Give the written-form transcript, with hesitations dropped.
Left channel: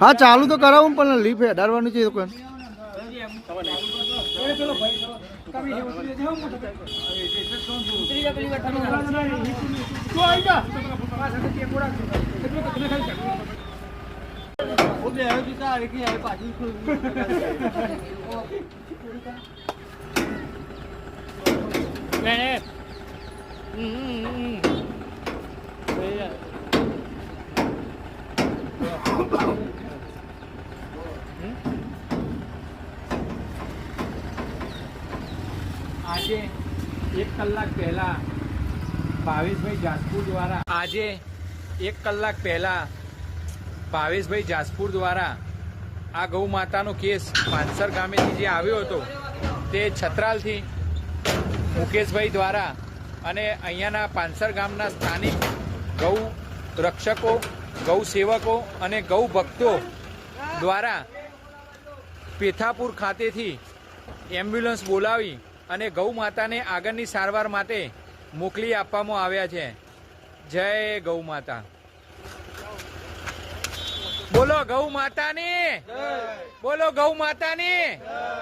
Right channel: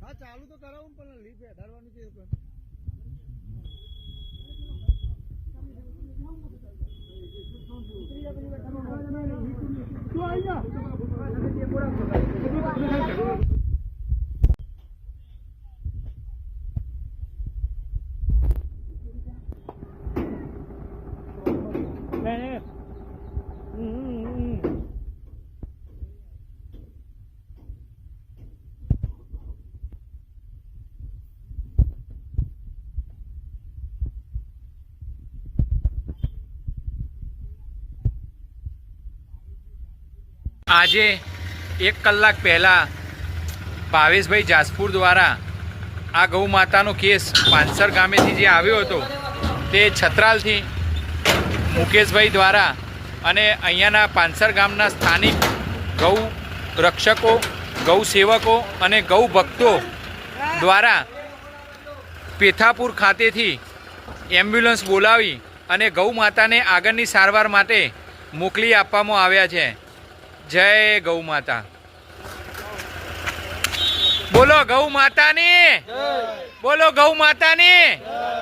हाँ चालू तो कराऊं पर लीफ है डालवानी चाहिए दुकान આજે 1 કલાક પહેલા ભાવેશભાઈ જાસપુર દ્વારા ભાવેશભાઈ જાસપુર દ્વારા આ ગૌ માતાનો કેસ પાંસર ગામેથી જે આવ્યો હતો તે છત્રાલથી મુકેશભાઈ દ્વારા અને અહીંયાના પાંસર ગામના સ્થાનિક ગૌ રક્ષકો ગૌ સેવકો અને ગૌ ભક્તો દ્વારા પેથાપુર ખાતેથી એમ્બ્યુલન્સ બોલાવી અને ગૌ માતાને આગળની સારવાર માટે મોકલી આપવામાં આવ્યા છે. જય ગૌ માતા. બોલો ગૌ માતાની, બોલો ગૌ માતાની.